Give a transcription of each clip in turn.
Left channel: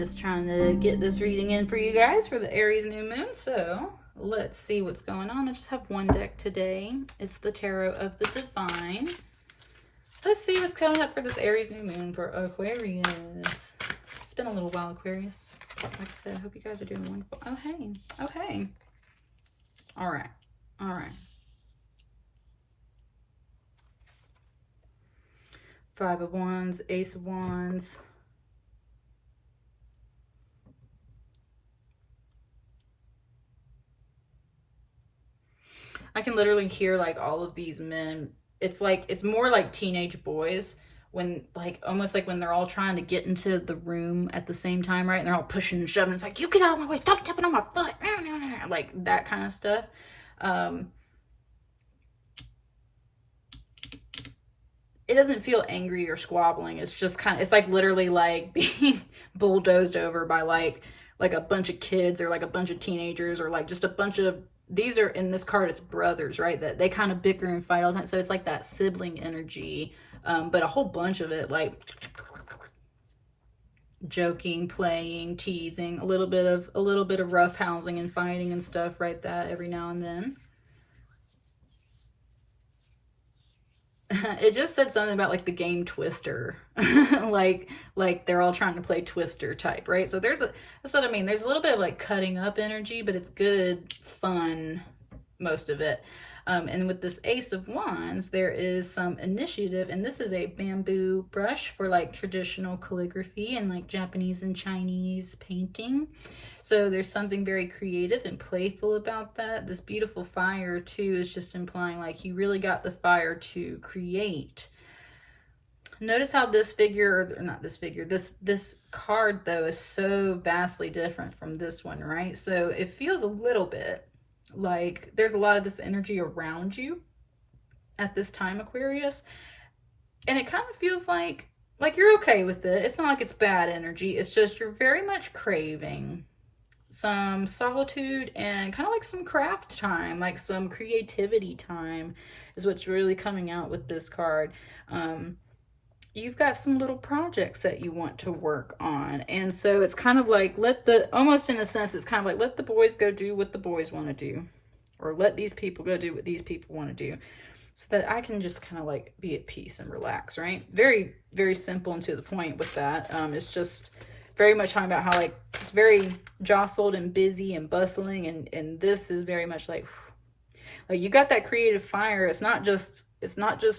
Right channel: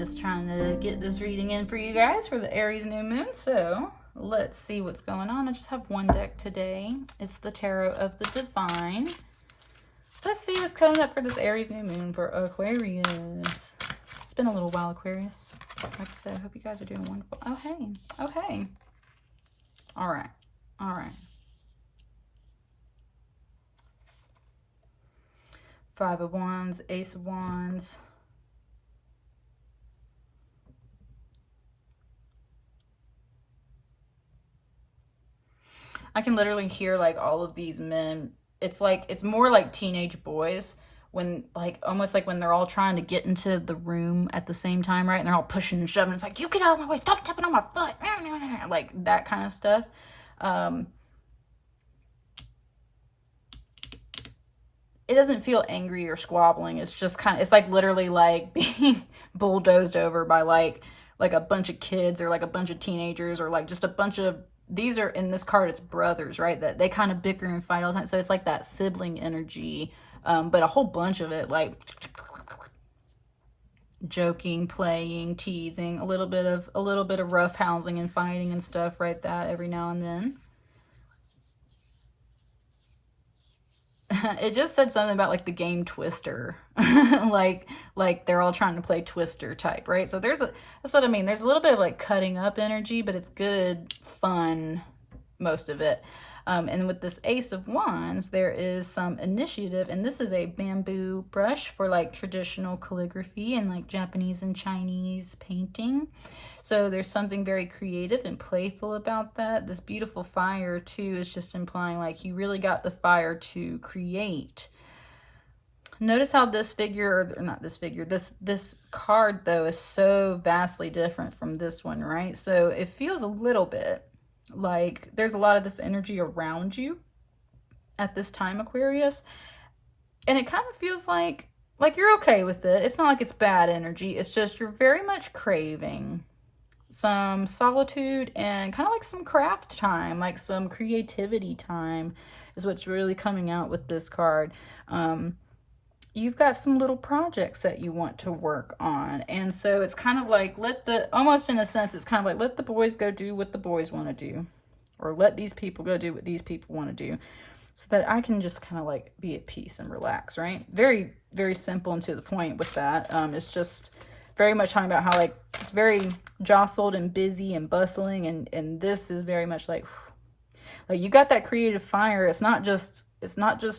just trying to get this reading in for you guys for the Aries new moon. So let's see what's going on. I just have one deck today. It's the Tarot of the Divine. Let's see what's coming up for this Aries new moon for Aquarius. It's been a little while, Aquarius. Like I said, I hope you guys are doing wonderful. Oh, hey. Oh, hey. All right. All right. Five of Wands, Ace of Wands. I can literally hear like all of these men. It's like, it's more like teenage boys when like, almost like when they're all trying to get into the room at the same time, right? And they're all pushing and shoving. It's like, you get out of my way, stop tapping on my foot. Like that kind of stuff. It doesn't feel angry or squabbling. It's just kind of, it's like literally like being bulldozed over by like a bunch of kids or like a bunch of teenagers or like just a bunch of, these are in this card, it's brothers, right? That they kind of bicker and fight all the time. So it's like that sibling energy, but a whole bunch of it, like joking, playing, teasing, a little bit of roughhousing and fighting and stuff, right? That every now and then. It just said something about like the game Twister, like they're all trying to play Twister type, right? So that's what I mean. There's a little bit of like cutting up energy, but it's good, fun, most of it. And with this Ace of Wands, there is some initiative, and this is a bamboo brush for like traditional calligraphy and like Japanese and Chinese painting. So there's something very creative and playful about that. This beautiful fire too is just implying like you really got the fire to create. Notice how this figure, or not this figure, this card though is so vastly different from this one, right? So it feels a little bit like there's a lot of this energy around you at this time, Aquarius. And it kind of feels like you're okay with it. It's not like it's bad energy. It's just you're very much craving some solitude and kind of like some craft time, like some creativity time is what's really coming out with this card. You've got some little projects that you want to work on. And so it's kind of like, almost in a sense, it's kind of like, let the boys go do what the boys want to do, or let these people go do what these people want to do, so that I can just kind of like be at peace and relax, right? Very, very simple and to the point with that. It's just very much talking about how like it's very jostled and busy and bustling, and this is very much like you got that creative fire. It's not just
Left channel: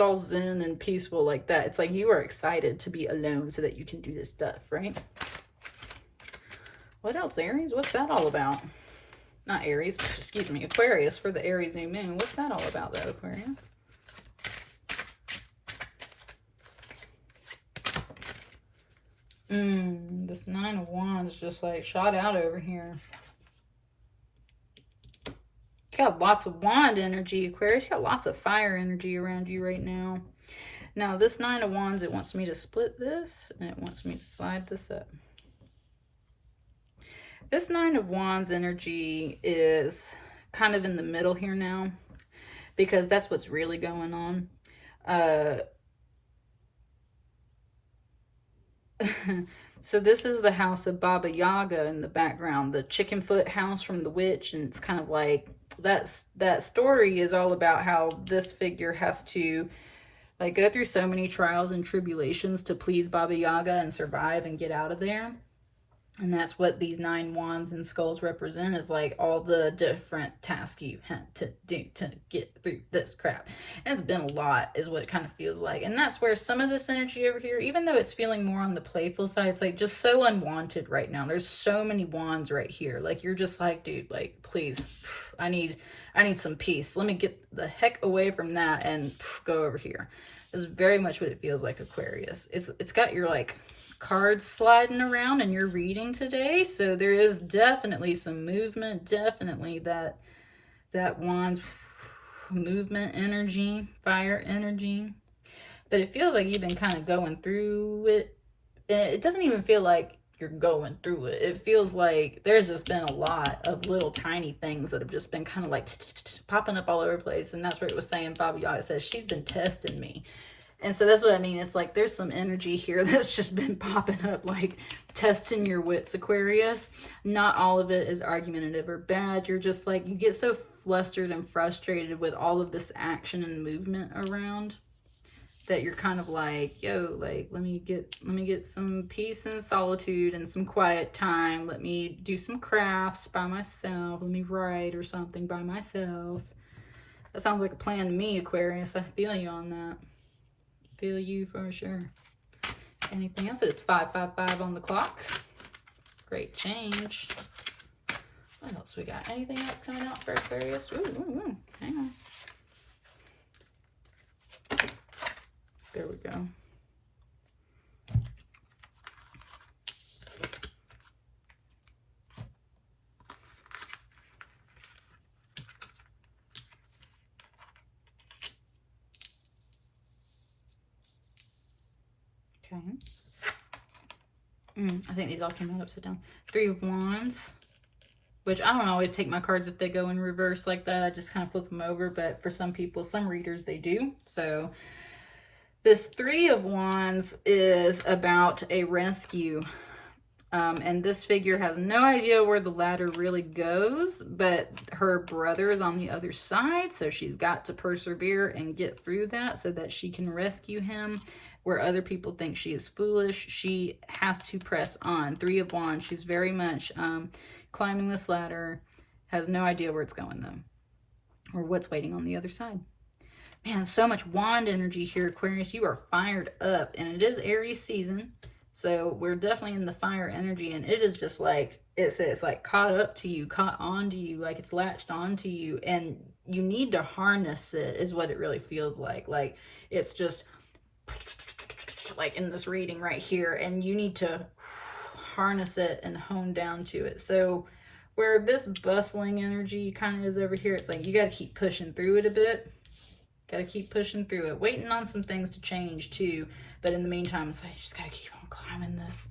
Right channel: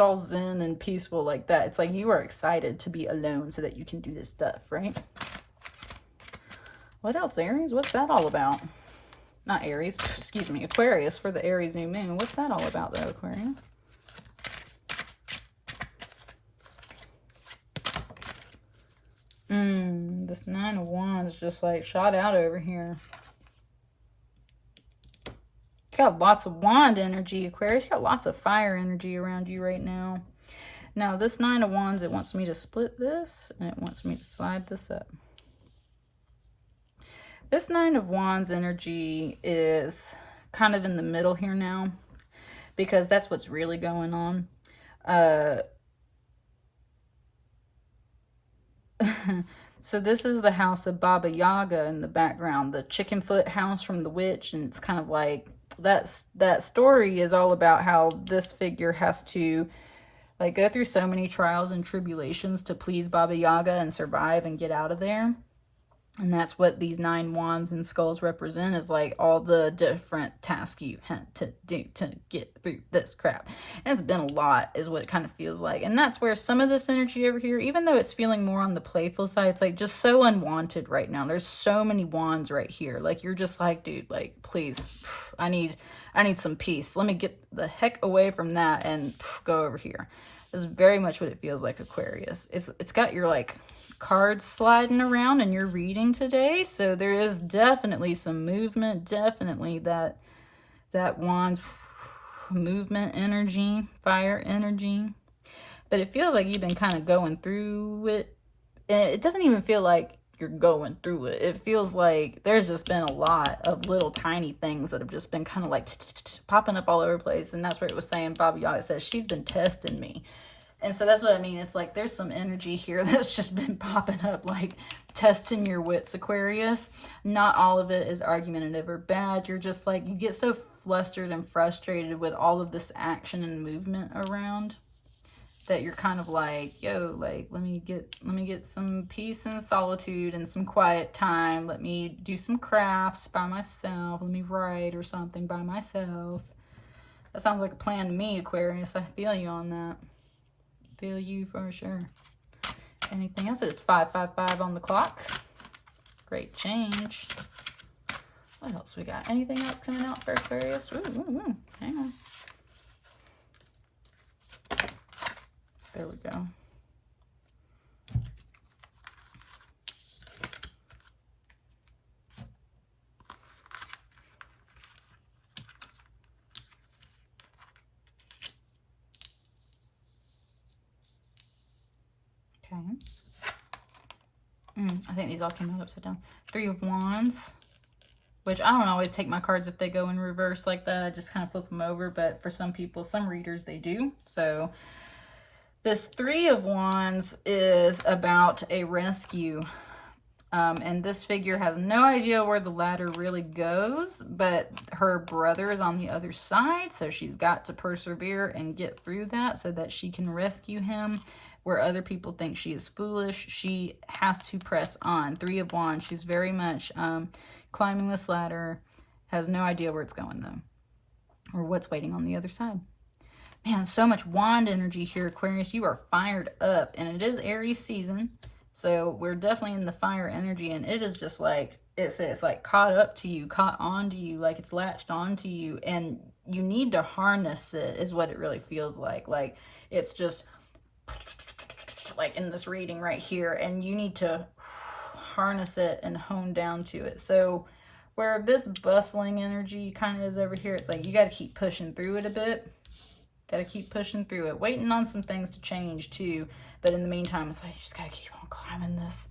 all zen and peaceful like that. It's like you are excited to be alone so that you can do this stuff, right? What else, Aries? What's that all about? Not Aries, excuse me, Aquarius for the Aries new moon. What's that all about though, Aquarius? This Nine of Wands just like shot out over here. You got lots of wand energy, Aquarius. You got lots of fire energy around you right now. Now, this Nine of Wands, it wants me to split this, and it wants me to slide this up. This Nine of Wands energy is kind of in the middle here now, because that's what's really going on. So this is the house of Baba Yaga in the background, the chicken foot house from the witch, and it's kind of like that story is all about how this figure has to like go through so many trials and tribulations to please Baba Yaga and survive and get out of there. And that's what these 9 wands and skulls represent, is like all the different tasks you had to do to get through this crap. And it's been a lot is what it kind of feels like. And that's where some of this energy over here, even though it's feeling more on the playful side, it's like just so unwanted right now. There's so many wands right here. Like you're just like, dude, like, please, I need some peace. Let me get the heck away from that and go over here. Is very much what it feels like, Aquarius. It's got your like cards sliding around and you're reading today, so there is definitely some movement, definitely that wands movement energy, fire energy, but it feels like you've been kind of going through it. It doesn't even feel like you're going through it. It feels like there's just been a lot of little tiny things that have just been kind of like popping up all over the place. And that's what it was saying. Baba Yaga says she's been testing me. And so that's what I mean. It's like there's some energy here that's just been popping up, like testing your wits, Aquarius. Not all of it is argumentative or bad. You're just like, you get so flustered and frustrated with all of this action and movement around that you're kind of like, yo, like, let me get some peace and solitude and some quiet time. Let me do some crafts by myself. Let me write or something by myself. That sounds like a plan to me, Aquarius. I feel you on that. Feel you for sure. Anything else? It's 5:55 on the clock. Great change. What else we got? Anything else coming out for Aquarius? Ooh. Hang on. There we go. Okay. I think these all came out upside down. 3 of Wands, which I don't always take my cards if they go in reverse like that. I just kind of flip them over, but for some people, some readers, they do. So this 3 of Wands is about a rescue. And this figure has no idea where the ladder really goes, but her brother is on the other side, so she's got to persevere and get through that so that she can rescue him. Where other people think she is foolish, she has to press on. 3 of Wands, she's very much climbing this ladder, has no idea where it's going though, or what's waiting on the other side. Man, so much wand energy here, Aquarius. You are fired up, and it is Aries season, so we're definitely in the fire energy, and it is just like, it's like caught up to you, caught onto you, like it's latched onto you, and you need to harness it is what it really feels like. Like it's just like in this reading right here, and you need to harness it and hone down to it. So where this bustling energy kind of is over here, it's like you got to keep pushing through it a bit. Got to keep pushing through it, waiting on some things to change too. But in the meantime, it's like you just got to keep on climbing this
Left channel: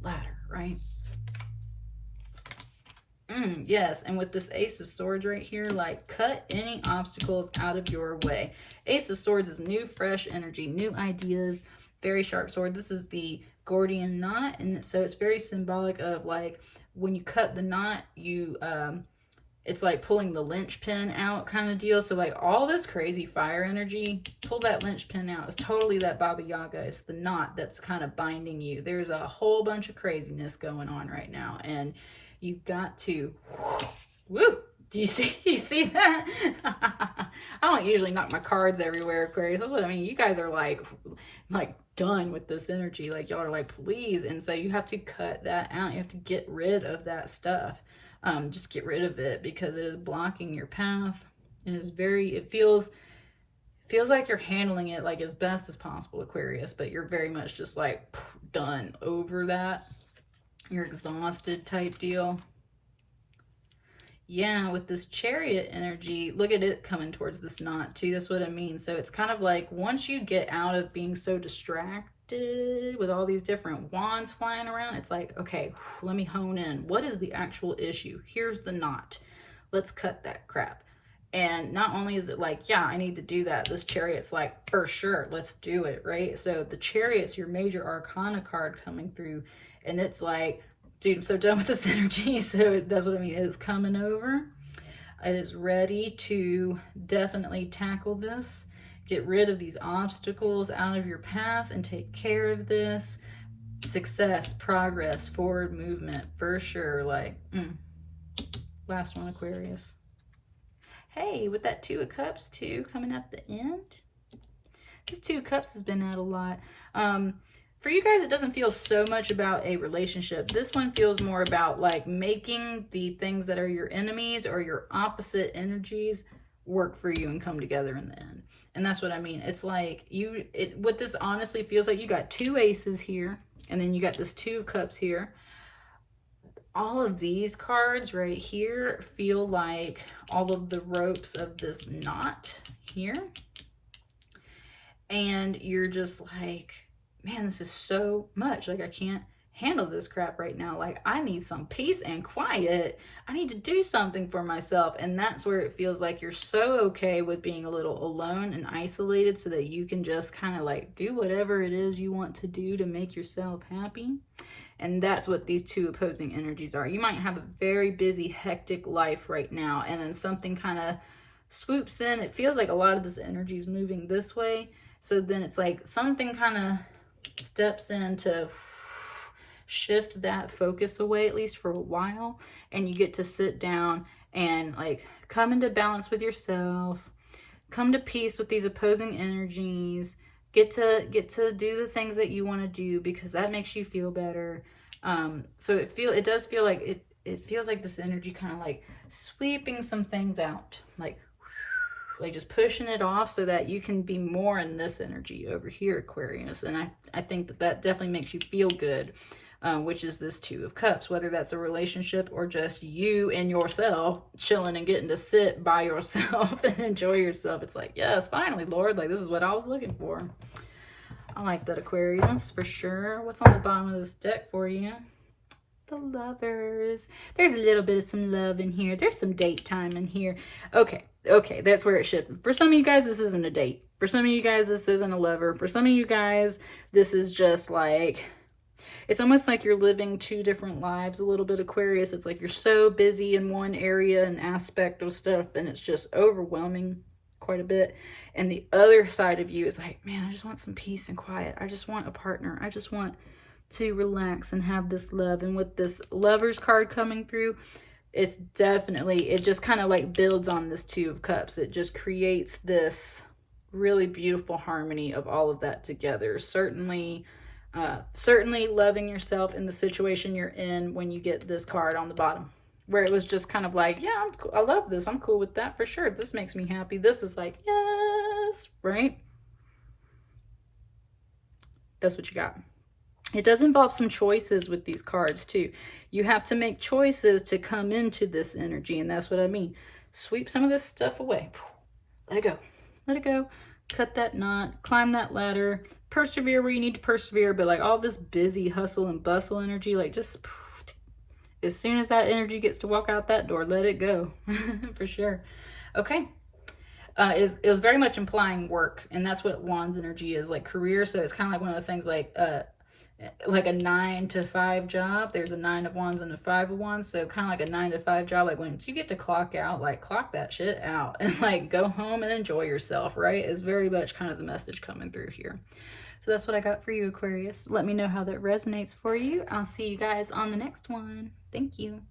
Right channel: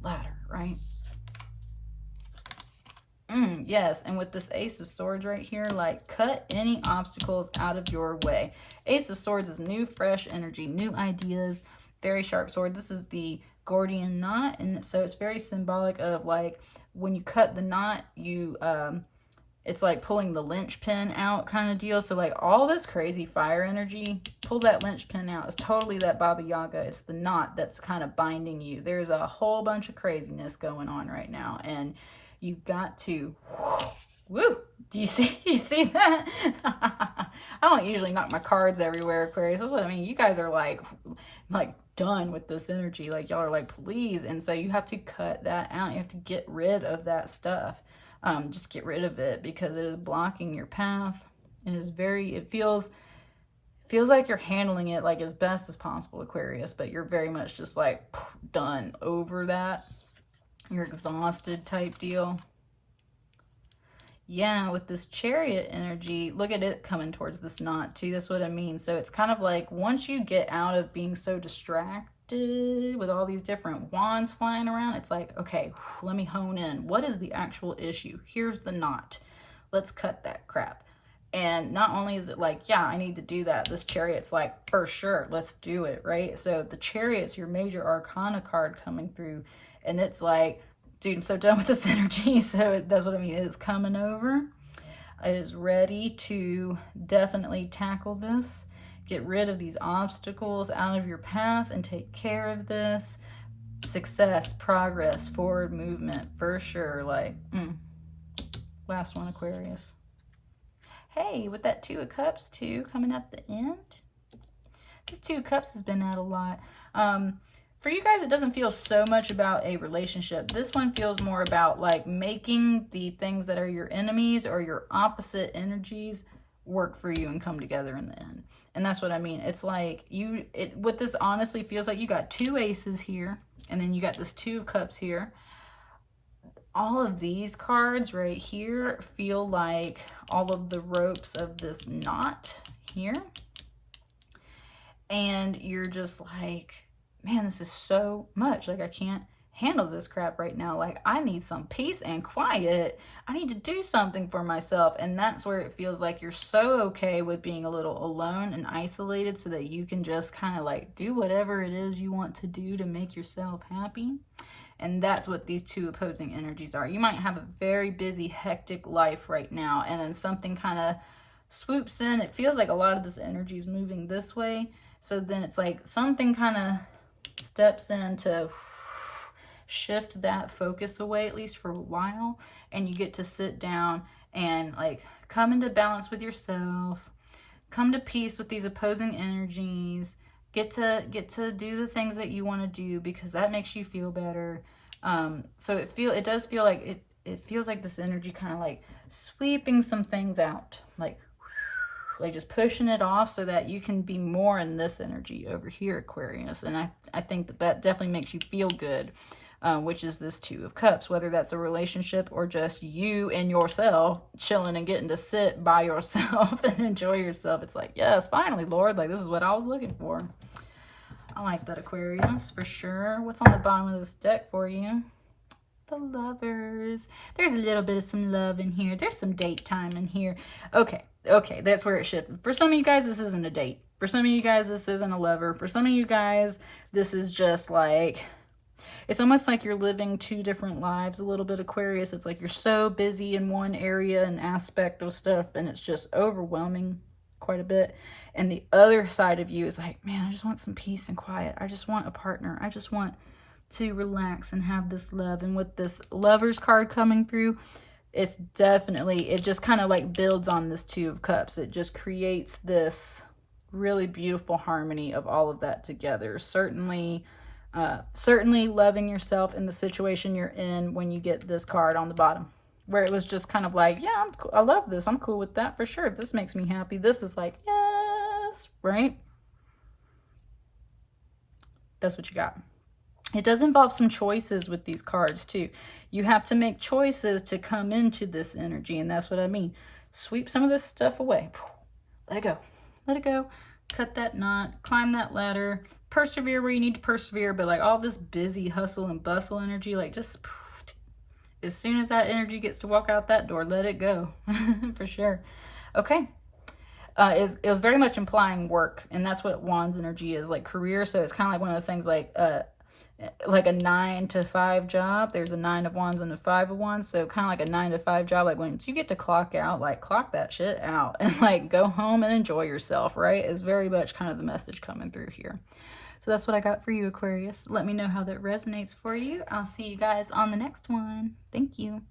ladder, right? Yes, and with this Ace of Swords right here, like cut any obstacles out of your way. Ace of Swords is new, fresh energy, new ideas, very sharp sword. This is the Gordian knot, and so it's very symbolic of like when you cut the knot, you it's like pulling the linchpin out kind of deal. So like all this crazy fire energy, pull that linchpin out. It's totally that Baba Yaga. It's the knot that's kind of binding you. There's a whole bunch of craziness going on right now, and you've got to, woo! Do you see that? I don't usually knock my cards everywhere, Aquarius. That's what I mean. You guys are like done with this energy. Like y'all are like, please. And so you have to cut that out. You have to get rid of that stuff. Just get rid of it because it is blocking your path. It is very, it feels like you're handling it like as best as possible, Aquarius, but you're very much just like done over that. You're exhausted type deal. Yeah, with this Chariot energy, look at it coming towards this knot too. That's what I mean. So it's kind of like once you get out of being so distracted with all these different wands flying around, it's like, okay, let me hone in. What is the actual issue? Here's the knot. Let's cut that crap. And not only is it like, yeah, I need to do that. This Chariot's like, for sure, let's do it, right? So the Chariot's your major arcana card coming through. And it's like, dude, I'm so done with this energy. So that's what I mean. It is coming over. It is ready to definitely tackle this. Get rid of these obstacles out of your path and take care of this. Success, progress, forward movement, for sure. Like, last one, Aquarius. Hey, with that 2 of Cups too, coming at the end. This 2 of Cups has been out a lot. For you guys, it doesn't feel so much about a relationship. This one feels more about like making the things that are your enemies or your opposite energies work for you and come together in the end. And that's what I mean. It's like what this honestly feels like, you got 2 aces here, and then you got this 2 of Cups here. All of these cards right here feel like all of the ropes of this knot here. And you're just like, man, this is so much. Like, I can't handle this crap right now. Like, I need some peace and quiet. I need to do something for myself. And that's where it feels like you're so okay with being a little alone and isolated so that you can just kind of like do whatever it is you want to do to make yourself happy. And that's what these two opposing energies are. You might have a very busy, hectic life right now, and then something kind of swoops in. It feels like a lot of this energy is moving this way. So then it's like something kind of steps in to shift that focus away, at least for a while. And you get to sit down and like come into balance with yourself, come to peace with these opposing energies, get to do the things that you want to do because that makes you feel better. So it does feel like it feels like this energy kind of like sweeping some things out, like just pushing it off so that you can be more in this energy over here, Aquarius. And I think that definitely makes you feel good, which is this Two of Cups, whether that's a relationship or just you and yourself chilling and getting to sit by yourself and enjoy yourself. It's like, yes, finally, Lord, like this is what I was looking for. I like that, Aquarius, for sure. What's on the bottom of this deck for you? The Lovers. There's a little bit of some love in here. There's some date time in here. Okay, that's where it should. For some of you guys, this isn't a date. For some of you guys, this isn't a lover. For some of you guys, this is just like, it's almost like you're living two different lives a little bit, Aquarius. It's like you're so busy in one area and aspect of stuff, and it's just overwhelming quite a bit. And the other side of you is like, man, I just want some peace and quiet. I just want a partner. I just want to relax and have this love. And with this Lovers card coming through, it's definitely, it just kind of like builds on this Two of Cups. It just creates this really beautiful harmony of all of that together. Certainly loving yourself in the situation you're in when you get this card on the bottom, where it was just kind of like, yeah, I love this. I'm cool with that for sure. This makes me happy. This is like, yes, right? That's what you got. It does involve some choices with these cards too. You have to make choices to come into this energy, and that's what I mean. Sweep some of this stuff away. Let it go. Let it go. Cut that knot. Climb that ladder. Persevere where you need to persevere, but like all this busy hustle and bustle energy, like just as soon as that energy gets to walk out that door, let it go. For sure. Okay. It was very much implying work, and that's what Wands energy is, like career. So it's kind of like one of those things like a 9 to 5 job. There's a 9 of Wands and a 5 of Wands. So kind of like a 9 to 5 job. Like once you get to clock out, like clock that shit out and like go home and enjoy yourself, right? Is very much kind of the message coming through here. So that's what I got for you, Aquarius. Let me know how that resonates for you. I'll see you guys on the next one. Thank you.